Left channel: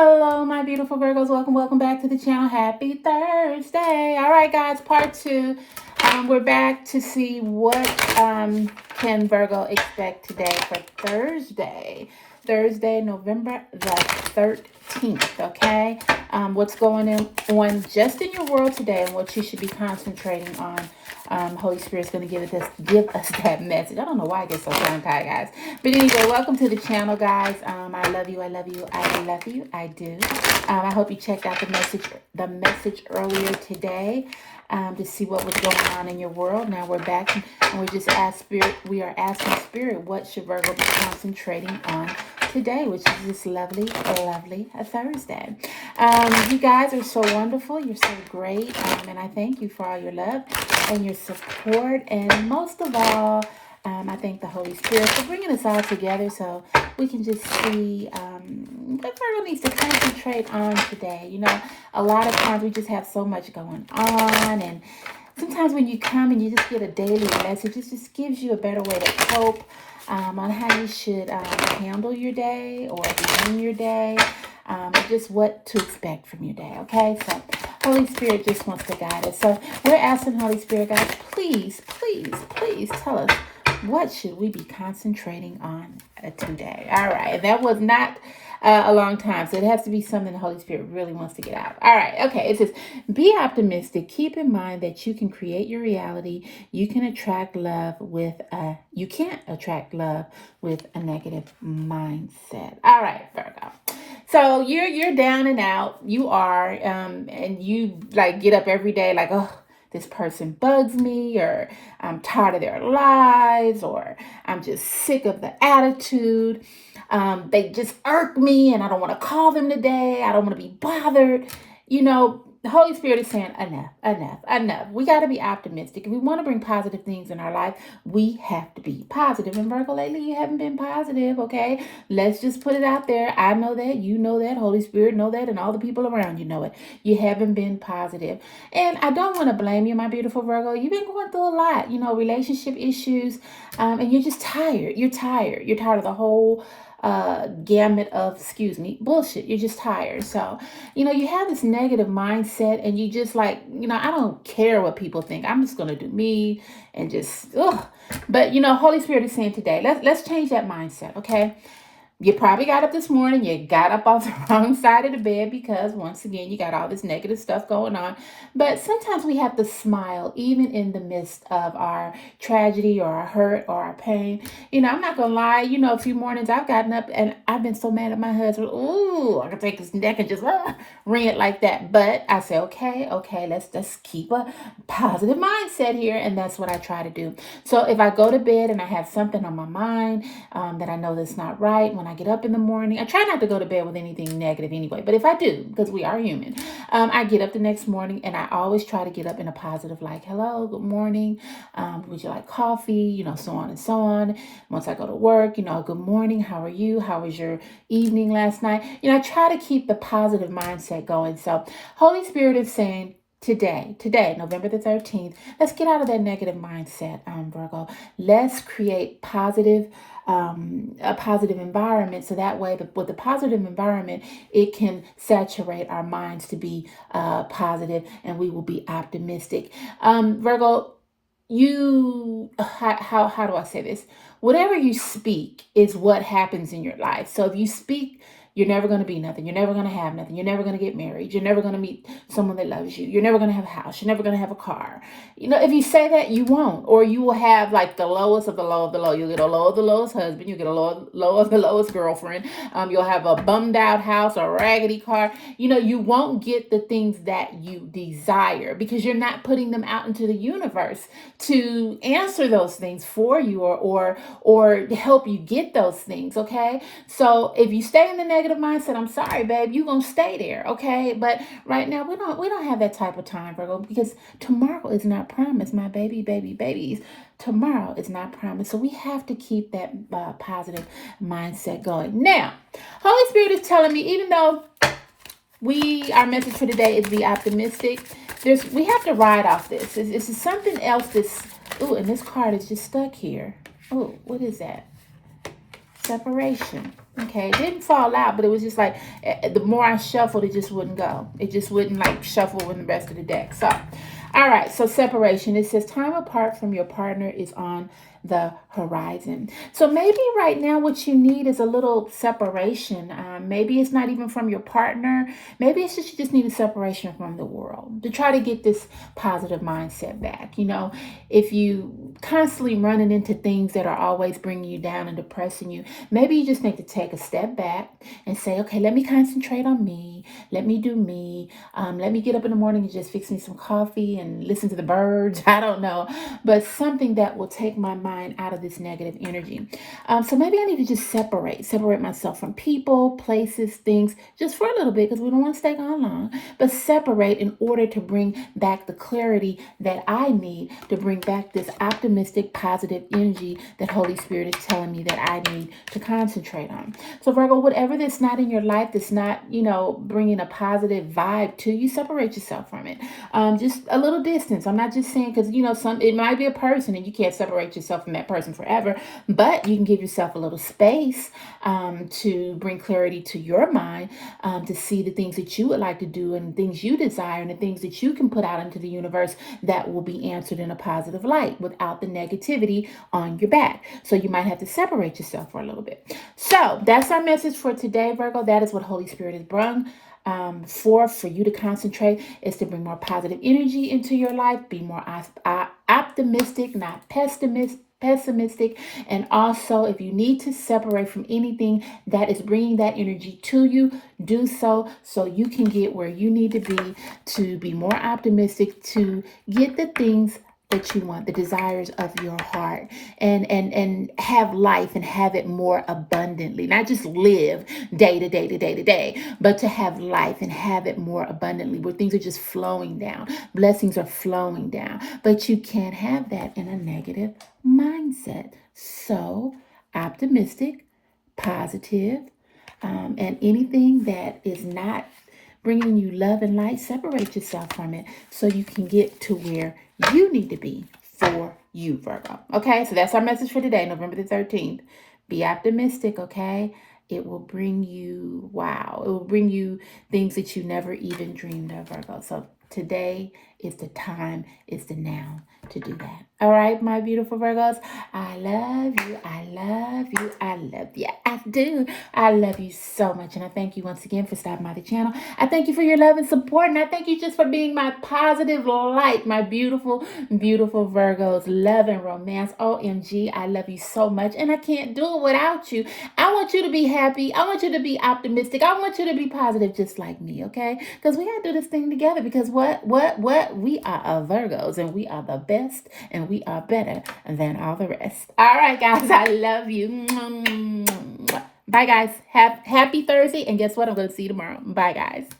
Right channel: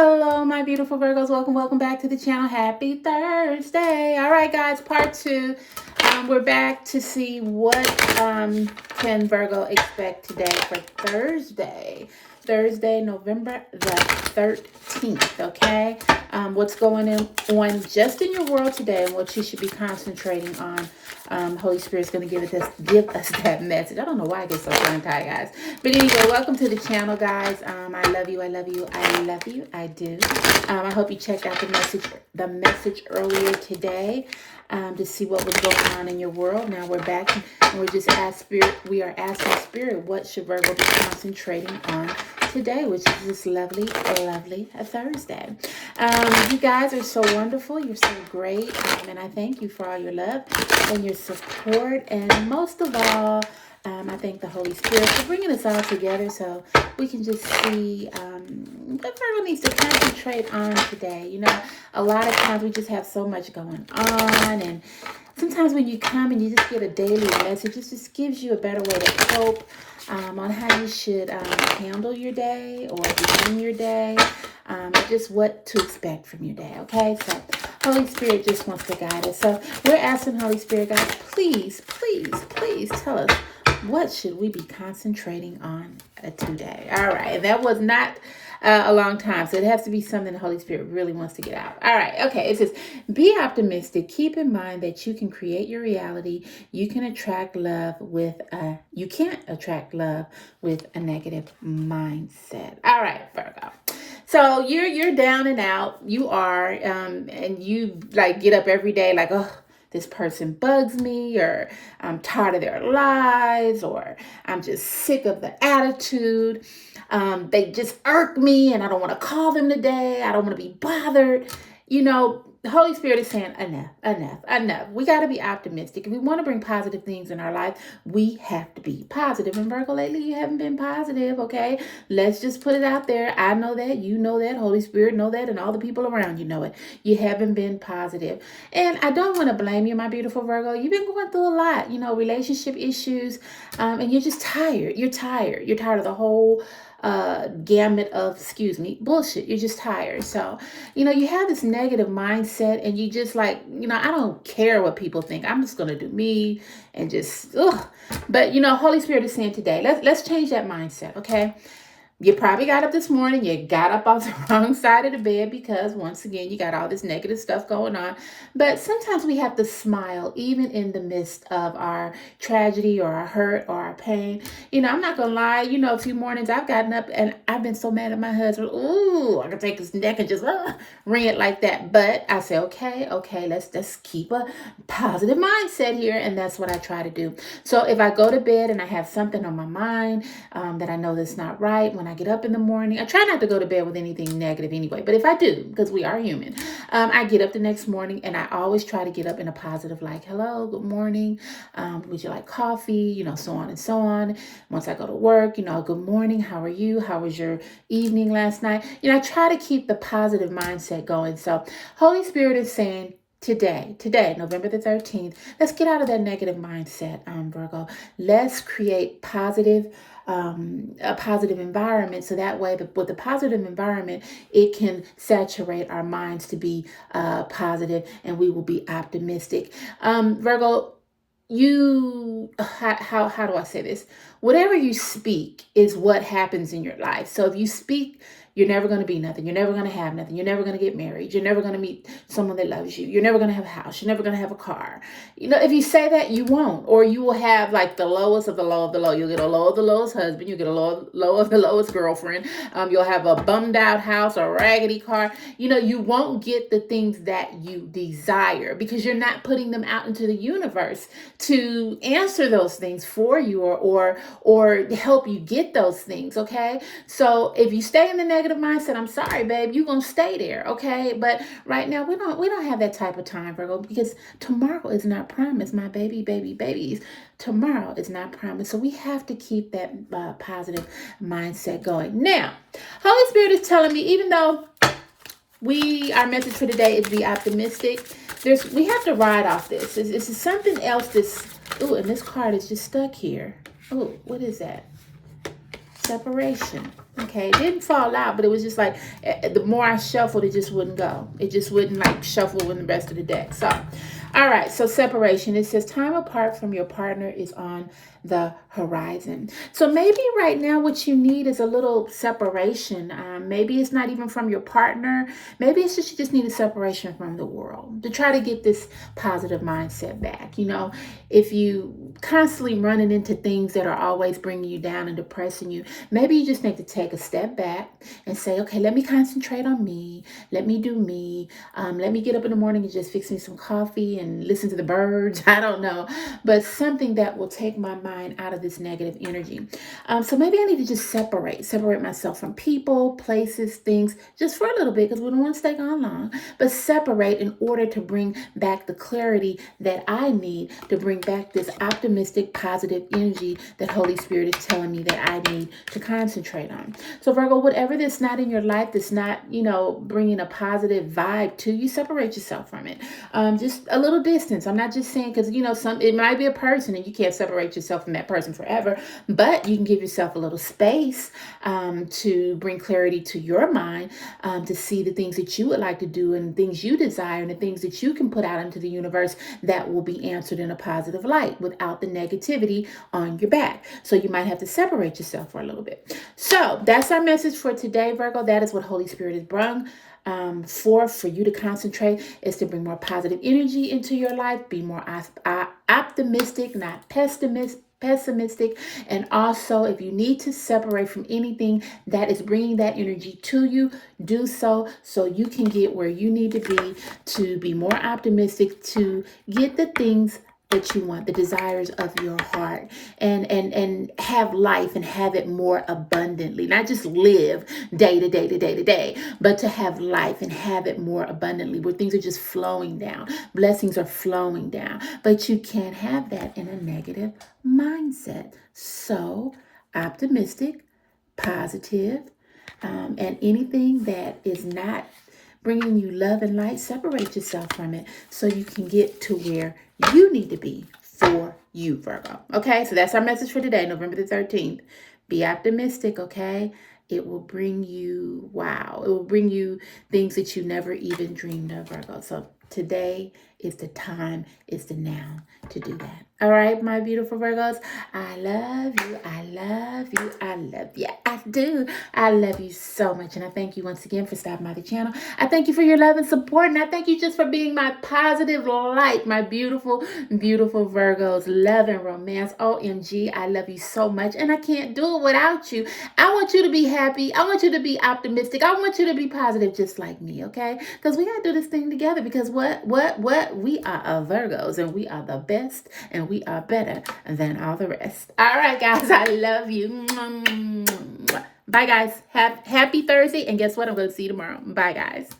Hello, my beautiful Virgos. Welcome back to the channel. Happy Thursday. All right, guys, part two. We're back to see what can Virgo expect today for Thursday, November the 13th, okay? What's going on just in your world today and what you should be concentrating on. Holy Spirit's going to give us that message. I don't know why I get so tongue-tied, guys. But anyway, welcome to the channel, guys. I love you. I do. I hope you checked out the message earlier today to see what was going on in your world. Now we're back and we are asking Spirit, what should Virgo be concentrating on today, which is this lovely Thursday. You guys are so wonderful. You're so great. And I thank you for all your love and your support. And most of all, I thank the Holy Spirit for bringing us all together so we can just see what Virgo needs to concentrate on today. You know, a lot of times we just have so much going on, and sometimes when you come and you just get a daily message, it just gives you a better way to cope on how you should handle your day or begin your day, just what to expect from your day, okay? So Holy Spirit just wants to guide us. So we're asking Holy Spirit, guys, please tell us, what should we be concentrating on today? All right, and that was not a long time, so it has to be something the Holy Spirit really wants to get out. All right, okay, it says, be optimistic. Keep in mind that you can create your reality. You can't attract love with a negative mindset. All right, Virgo. So you're down and out. You are, and you like get up every day like, oh, this person bugs me, or I'm tired of their lies, or I'm just sick of the attitude. They just irk me and I don't want to call them today. I don't want to be bothered. You know, the Holy Spirit is saying enough. We got to be optimistic. If we want to bring positive things in our life, we have to be positive. And Virgo, lately you haven't been positive, okay? Let's just put it out there. I know that, you know that, Holy Spirit know that, and all the people around you know it. You haven't been positive. And I don't want to blame you, my beautiful Virgo. You've been going through a lot, you know, relationship issues, and you're just tired. You're tired of the whole gamut of, bullshit. You're just tired. So, you know, you have this negative mindset and you just like, you know, I don't care what people think. I'm just going to do me and just, But, you know, Holy Spirit is saying today, let's change that mindset, okay? You probably got up this morning, you got up off the wrong side of the bed because, once again, you got all this negative stuff going on. But sometimes we have to smile even in the midst of our tragedy or our hurt or our pain. You know, I'm not going to lie. You know, a few mornings I've gotten up and I've been so mad at my husband. Ooh, I could take his neck and just ring it like that. But I say, okay, let's just keep a positive mindset here. And that's what I try to do. So if I go to bed and I have something on my mind that I know that's not right, when I get up in the morning, I try not to go to bed with anything negative anyway, but if I do, because we are human, I get up the next morning and I always try to get up in a positive, like, hello, good morning, would you like coffee, you know, so on and so on. Once I go to work, you know, good morning, how are you, how was your evening last night? You know, I try to keep the positive mindset going. So Holy Spirit is saying, Today, November the 13th, let's get out of that negative mindset, Virgo. Let's create a positive environment, so that way with the positive environment, it can saturate our minds to be positive, and we will be optimistic. Virgo, how do I say this? Whatever you speak is what happens in your life. So if you speak, you're never going to be nothing. You're never going to have nothing. You're never going to get married. You're never going to meet someone that loves you. You're never going to have a house. You're never going to have a car. You know, if you say that, you won't. Or you will have like the lowest of the low of the low. You'll get a low of the lowest husband. You'll get a low of the lowest girlfriend. You'll have a bummed out house or a raggedy car. You know, you won't get the things that you desire because you're not putting them out into the universe to answer those things for you or help you get those things, okay? So if you stay in the negative mindset, I'm sorry, babe, you're gonna stay there, okay? But right now we don't have that type of time, Virgo, because tomorrow is not promised, my babies. Tomorrow is not promised. So we have to keep that positive mindset going. Now, Holy Spirit is telling me, even though our message for today is be optimistic, we have to ride off this. This is something else and this card is just stuck here. Oh, what is that? separation. Okay, it didn't fall out, but it was just like the more I shuffled, it just wouldn't go. It just wouldn't like shuffle with the rest of the deck. So, all right, so separation. It says time apart from your partner is on the horizon. So maybe right now what you need is a little separation. Maybe it's not even from your partner. Maybe it's just you just need a separation from the world to try to get this positive mindset back. You know, if you constantly running into things that are always bringing you down and depressing you, maybe you just need to take a step back and say, okay, let me concentrate on me. Let me do me. Let me get up in the morning and just fix me some coffee and listen to the birds. I don't know, but something that will take my mind out of this negative energy. So maybe I need to just separate myself from people, places, things, just for a little bit because we don't want to stay gone long, but separate in order to bring back the clarity that I need to bring back this optimistic, positive energy that Holy Spirit is telling me that I need to concentrate on. So Virgo, whatever that's not in your life, that's not, you know, bringing a positive vibe to you, separate yourself from it. Just a little distance. I'm not just saying because, you know, it might be a person and you can't separate yourself from that person forever, but you can give yourself a little space to bring clarity to your mind, to see the things that you would like to do and things you desire and the things that you can put out into the universe that will be answered in a positive light without the negativity on your back. So you might have to separate yourself for a little bit. So that's our message for today, Virgo. That is what Holy Spirit has brung for you to concentrate, is to bring more positive energy into your life, be more optimistic, not pessimistic. And also, if you need to separate from anything that is bringing that energy to you, do so you can get where you need to be more optimistic, to get the things that you want, the desires of your heart, and have life and have it more abundantly, not just live day to day, but to have life and have it more abundantly, where things are just flowing down, blessings are flowing down. But you can't have that in a negative mindset. So optimistic, positive, and anything that is not bringing you love and light, separate yourself from it so you can get to where you need to be for you, Virgo. Okay, so that's our message for today, November the 13th. Be optimistic, okay? It will bring you, wow, it will bring you things that you never even dreamed of, Virgo. So today is the time, is the now to do that. All right, my beautiful Virgos, I love you, I love you, I love you, I do. I love you so much, and I thank you once again for stopping by the channel. I thank you for your love and support, and I thank you just for being my positive light, my beautiful, beautiful Virgos. Love and romance, OMG, I love you so much, and I can't do it without you. I want you to be happy. I want you to be optimistic. I want you to be positive just like me, okay? Because we got to do this thing together, because what? We are Virgos, and we are the best, and we are better than all the rest. All right, guys, I love you. Bye, guys. Happy Thursday, and guess what? I'm going to see you tomorrow. Bye, guys.